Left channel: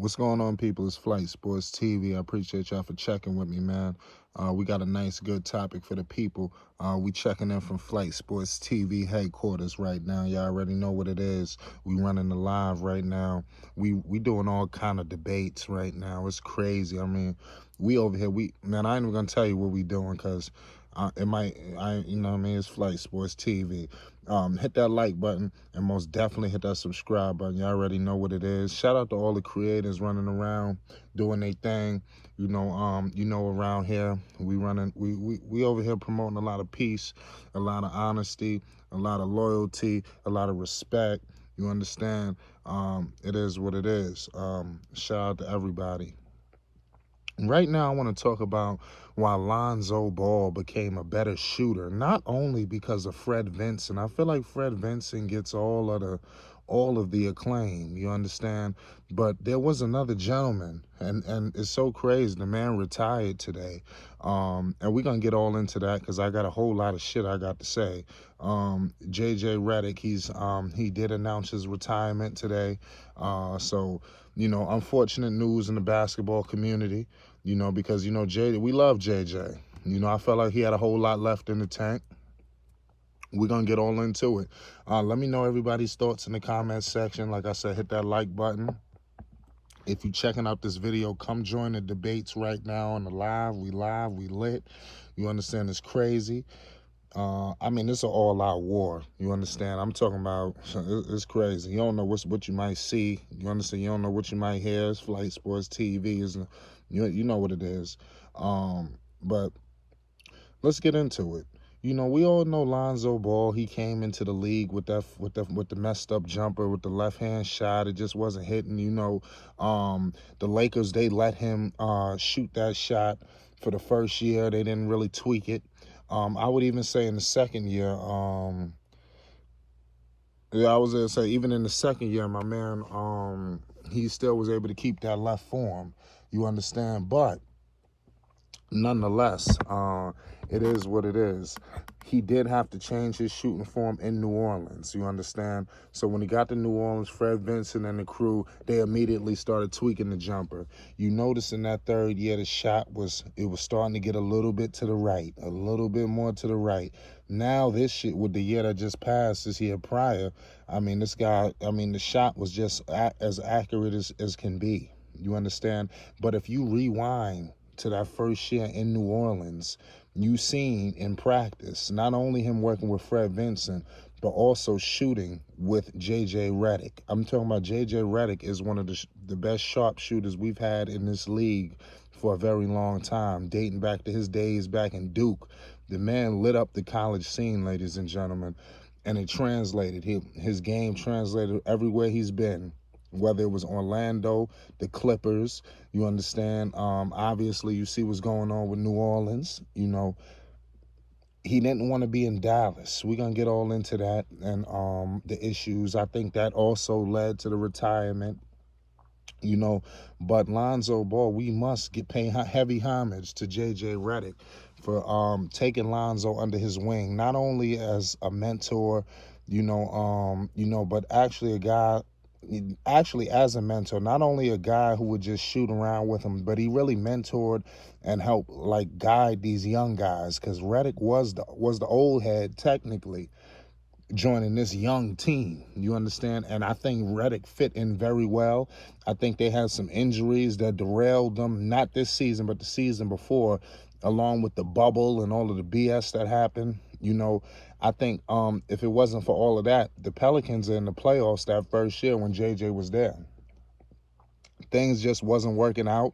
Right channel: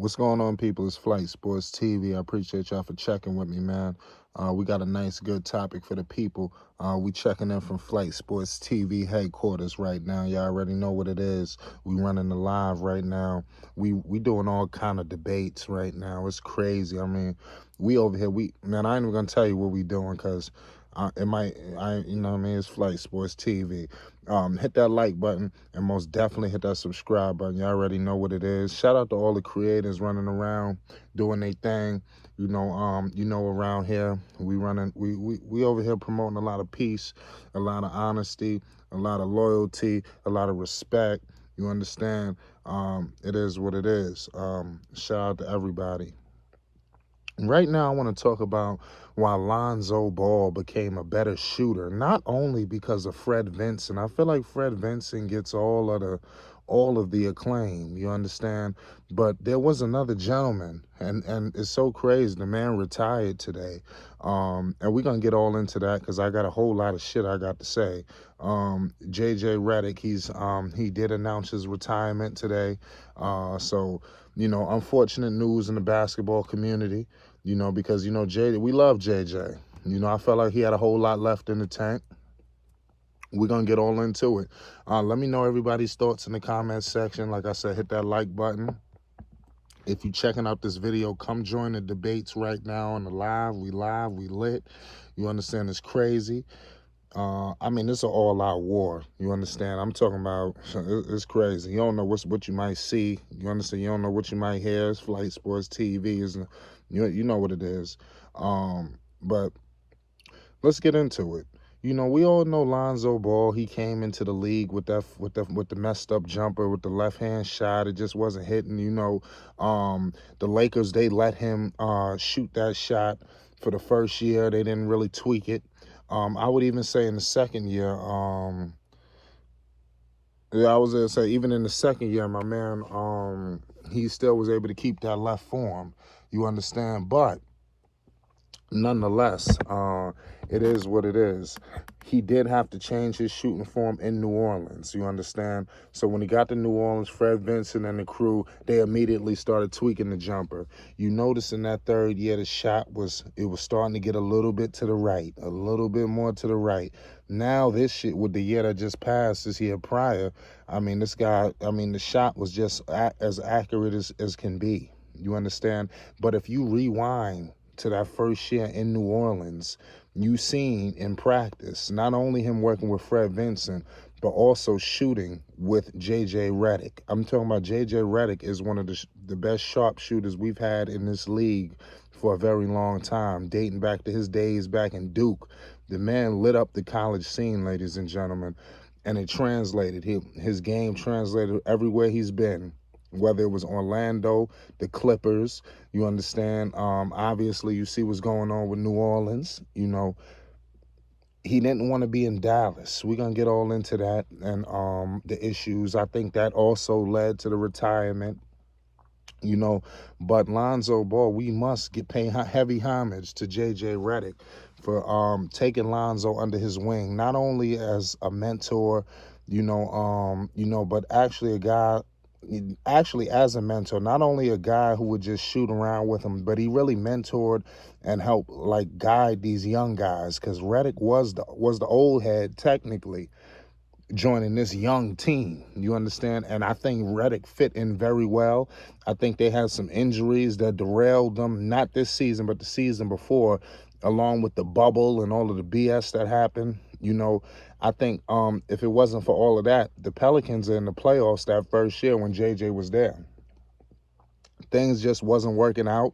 What's going on, people? It's Flight Sports TV. I appreciate y'all for checking with me, man. We got a nice, good topic for the people. We checking in from Flight Sports TV headquarters right now. Y'all already know what it is. We running the live right now. We doing all kind of debates right now. It's crazy. I mean, we over here. Man, I ain't even gonna tell you what we doing because it might. You know what I mean? It's Flight Sports TV. Hit that like button and most definitely hit that subscribe button. You already know what it is. Shout out to all the creators running around doing their thing. Around here we over here promoting a lot of peace, a lot of honesty, a lot of loyalty, a lot of respect. You understand? It is what it is. Shout out to everybody. Right now, I want to talk about why Lonzo Ball became a better shooter, not only because of Fred Vinson. I feel like Fred Vinson gets all of the acclaim, you understand? But there was another gentleman, and it's so crazy. The man retired today. And we're going to get all into that because I got a whole lot of shit I got to say. JJ Redick, he did announce his retirement today. Unfortunate news in the basketball community, because, we love JJ. I felt like he had a whole lot left in the tank. We're going to get all into it. Let me know everybody's thoughts in the comments section. Like I said, hit that like button. If you're checking out this video, come join the debates right now on the live. We lit. You understand? It's crazy. It's an all-out war. You understand? I'm talking about, it's crazy. You don't know what you might see. You understand? You don't know what you might hear. It's Flight Sports TV. You know what it is. But let's get into it. We all know Lonzo Ball. He came into the league with the messed up jumper with the left hand shot. It just wasn't hitting. The Lakers, they let him shoot that shot for the first year. They didn't really tweak it. I would even say in the second year, I was gonna say even in the second year, my man, he still was able to keep that left form. You understand? But nonetheless, it is what it is. He did have to change his shooting form in New Orleans, you understand? So when he got to New Orleans, Fred Vinson and the crew, they immediately started tweaking the jumper. You notice in that third year, the shot was starting to get a little bit to the right, a little bit more to the right. Now this shit with the year that just passed, this year prior, the shot was just as accurate as can be. You understand? But if you rewind to that first year in New Orleans, you seen in practice not only him working with Fred Vinson, but also shooting with JJ Redick. I'm talking about JJ Redick is one of the best sharpshooters we've had in this league for a very long time, dating back to his days back in Duke. The man lit up the college scene, ladies and gentlemen, and it translated. His game translated everywhere he's been, whether it was Orlando, the Clippers, you understand? Obviously, you see what's going on with New Orleans. He didn't want to be in Dallas. We're going to get all into that and the issues. I think that also led to the retirement. But Lonzo Ball, we must pay heavy homage to JJ Redick for taking Lonzo under his wing, not only as a mentor, but actually as a mentor, not only a guy who would just shoot around with him, but he really mentored and helped guide these young guys, because Redick was the old head technically joining this young team, you understand? And I think Redick fit in very well. I think they had some injuries that derailed them, not this season, but the season before, along with the bubble and all of the BS that happened. I think if it wasn't for all of that, the Pelicans are in the playoffs that first year when JJ was there. Things just wasn't working out.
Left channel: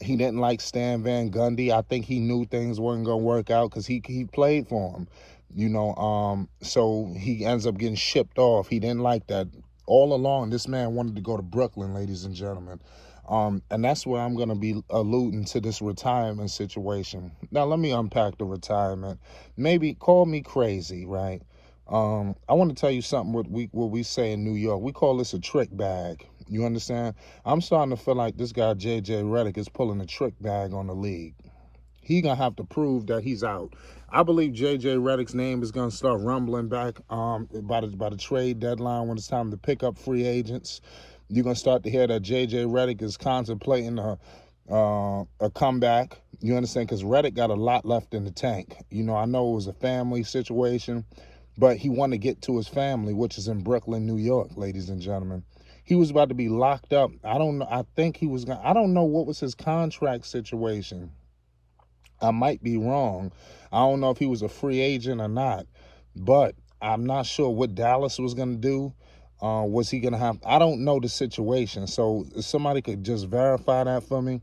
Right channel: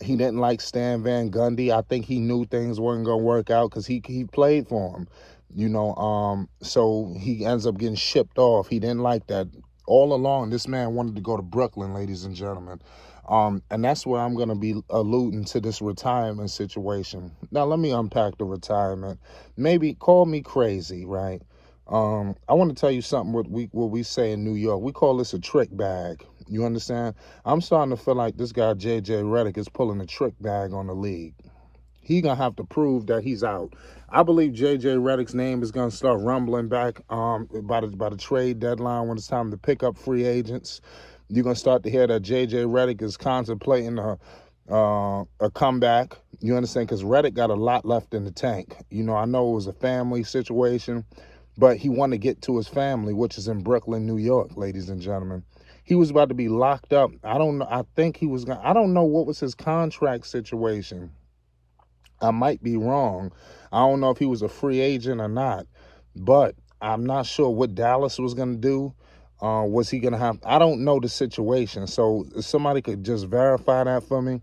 He didn't like Stan Van Gundy. I think he knew things weren't going to work out because he played for him. So he ends up getting shipped off. He didn't like that. All along, this man wanted to go to Brooklyn, ladies and gentlemen. And that's where I'm going to be alluding to this retirement situation. Now, let me unpack the retirement. Maybe call me crazy, right? I want to tell you something what we say in New York. We call this a trick bag. You understand? I'm starting to feel like this guy, JJ Redick, is pulling a trick bag on the league. He going to have to prove that he's out. I believe JJ Redick's name is going to start rumbling back by the trade deadline when it's time to pick up free agents. You're going to start to hear that J.J. Redick is contemplating a comeback. You understand? Because Redick got a lot left in the tank. I know it was a family situation, but he wanted to get to his family, which is in Brooklyn, New York, ladies and gentlemen. He was about to be locked up. I don't know. I think he was going to, I don't know what was his contract situation. I might be wrong. I don't know if he was a free agent or not, but I'm not sure what Dallas was going to do. Was he going to have? I don't know the situation. So if somebody could just verify that for me.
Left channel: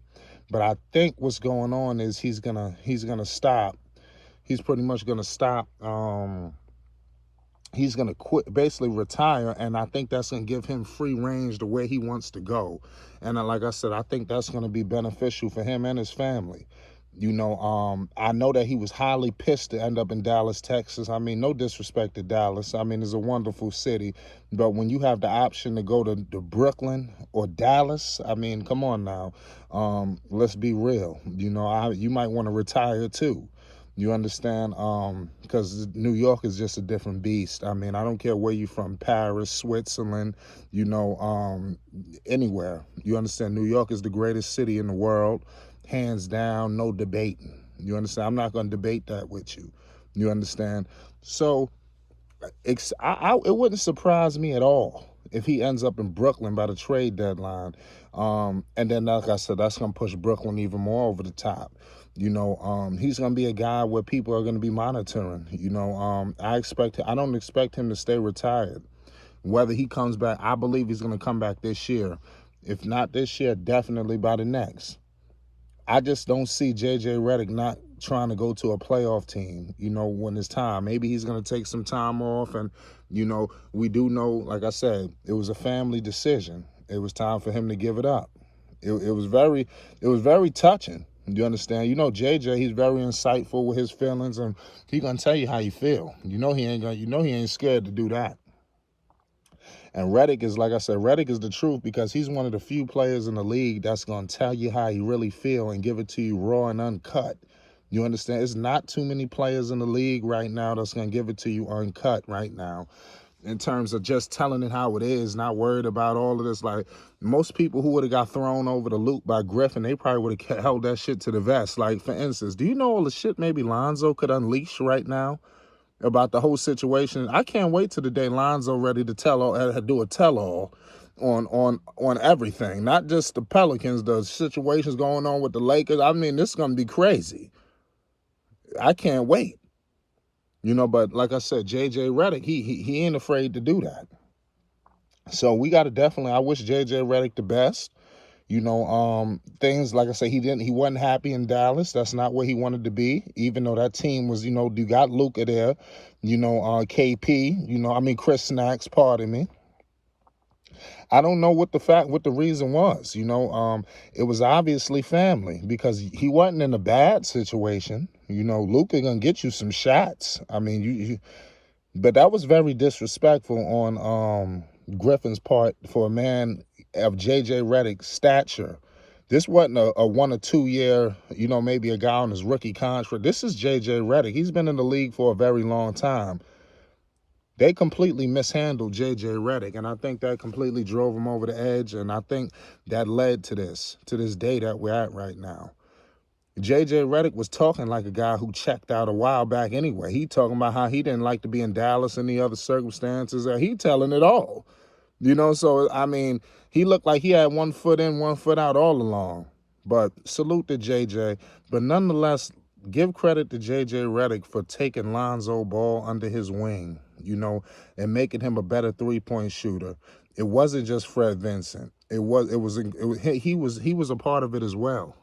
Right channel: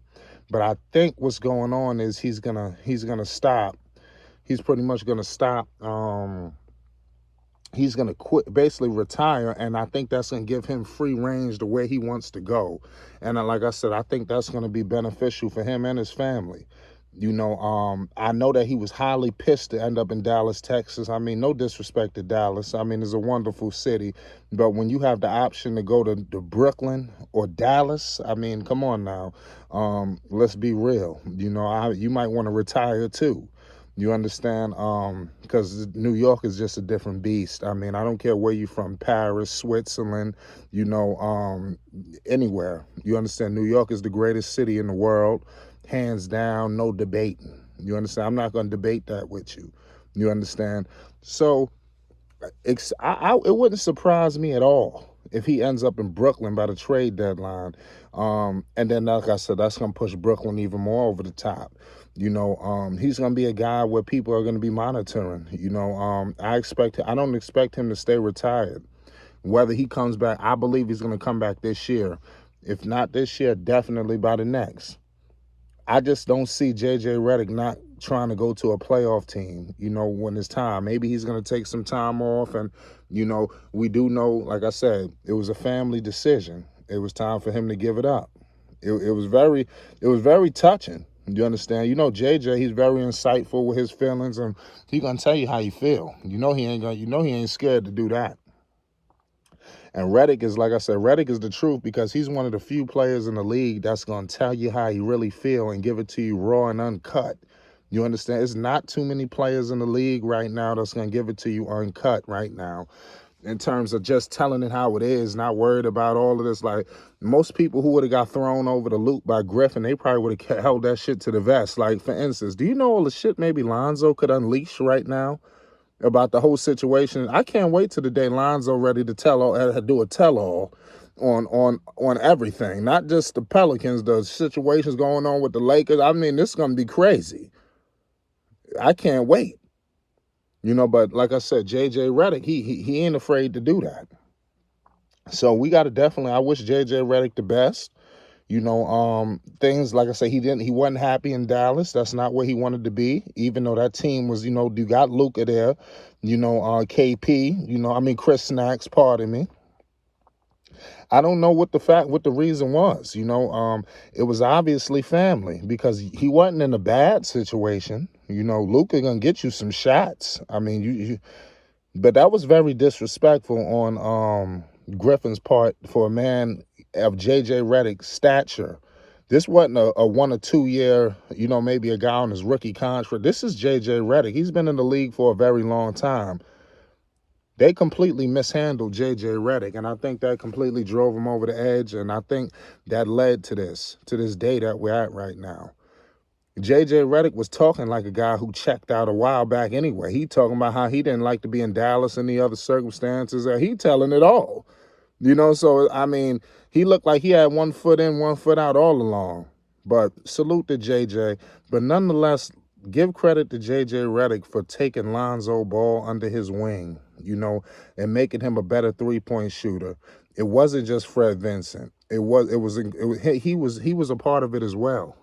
But I think what's going on is he's gonna stop. He's pretty much gonna stop. He's going to quit, basically retire, and I think that's going to give him free range to where he wants to go. And like I said, I think that's going to be beneficial for him and his family. I know that he was highly pissed to end up in Dallas, Texas. I mean, no disrespect to Dallas. I mean, it's a wonderful city. But when you have the option to go to Brooklyn or Dallas, I mean, come on now. Let's be real. You might want to retire too. You understand? Because New York is just a different beast. I mean, I don't care where you're from, Paris, Switzerland, anywhere. You understand? New York is the greatest city in the world, hands down, no debating. You understand? I'm not going to debate that with you. You understand? So it wouldn't surprise me at all if he ends up in Brooklyn by the trade deadline. And then, like I said, that's going to push Brooklyn even more over the top. He's going to be a guy where people are going to be monitoring. I don't expect him to stay retired. Whether he comes back, I believe he's going to come back this year. If not this year, definitely by the next. I just don't see J.J. Redick not trying to go to a playoff team, when it's time. Maybe he's going to take some time off. And, we do know, like I said, it was a family decision. It was time for him to give it up. It was very touching. You understand? JJ, he's very insightful with his feelings, and he's gonna tell you how you feel. He ain't scared to do that. And Redick is, like I said, Redick is the truth, because he's one of the few players in the league that's gonna tell you how he really feel and give it to you raw and uncut. You understand? There's not too many players in the league right now that's gonna give it to you uncut right now, in terms of just telling it how it is, not worried about all of this. Like, most people who would have got thrown over the loop by Griffin, they probably would have held that shit to the vest. Like, for instance, do you know all the shit maybe Lonzo could unleash right now about the whole situation? I can't wait till the day Lonzo ready to do a tell-all on everything, not just the Pelicans, the situations going on with the Lakers. I mean, this is going to be crazy. I can't wait. But like I said, J.J. Redick, he ain't afraid to do that. So we got to definitely, I wish J.J. Redick the best. Things, like I say, he wasn't happy in Dallas. That's not where he wanted to be, even though that team was, you got Luka there, KP, Chris Snacks, pardon me. I don't know what the reason was. It was obviously family, because he wasn't in a bad situation. Luka gonna get you some shots. I mean, but that was very disrespectful on Griffin's part for a man of J.J. Redick's stature. This wasn't a 1 or 2 year, maybe a guy on his rookie contract. This is J.J. Redick. He's been in the league for a very long time. They completely mishandled J.J. Redick, and I think that completely drove him over the edge, and I think that led to this day that we're at right now. J.J. Redick was talking like a guy who checked out a while back anyway. He talking about how he didn't like to be in Dallas and the other circumstances. He telling it all. So, I mean, he looked like he had 1 foot in, 1 foot out all along. But salute to J.J. But nonetheless, give credit to J.J. Redick for taking Lonzo Ball under his wing, and making him a better three-point shooter. It wasn't just Fred Vincent. He was a part of it as well,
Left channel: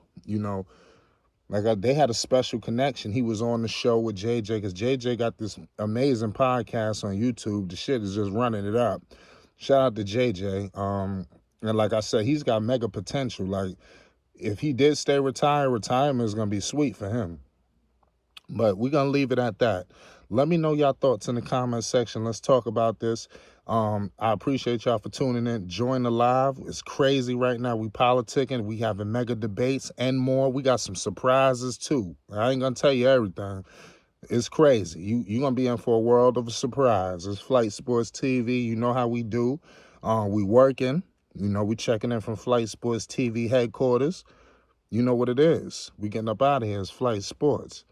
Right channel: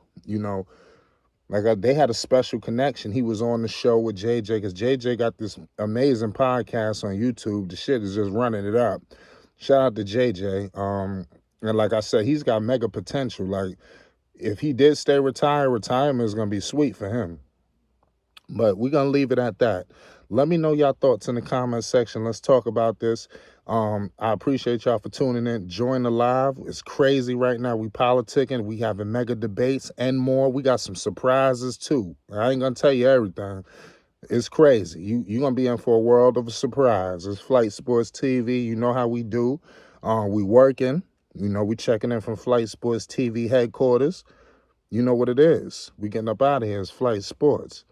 they had a special connection. He was on the show with JJ, because JJ got this amazing podcast on YouTube. The shit is just running it up. Shout out to JJ. And like I said, he's got mega potential. Like, if he did stay retired, retirement is going to be sweet for him. But we're going to leave it at that. Let me know your thoughts in the comment section. Let's talk about this. I appreciate y'all for tuning in. Join the live. It's crazy right now. We politicking. We having mega debates and more. We got some surprises too. I ain't going to tell you everything. It's crazy. You're going to be in for a world of a surprise. It's Flight Sports TV. You know how we do. We working. You know, we checking in from Flight Sports TV headquarters. You know what it is. We getting up out of here. It's Flight Sports.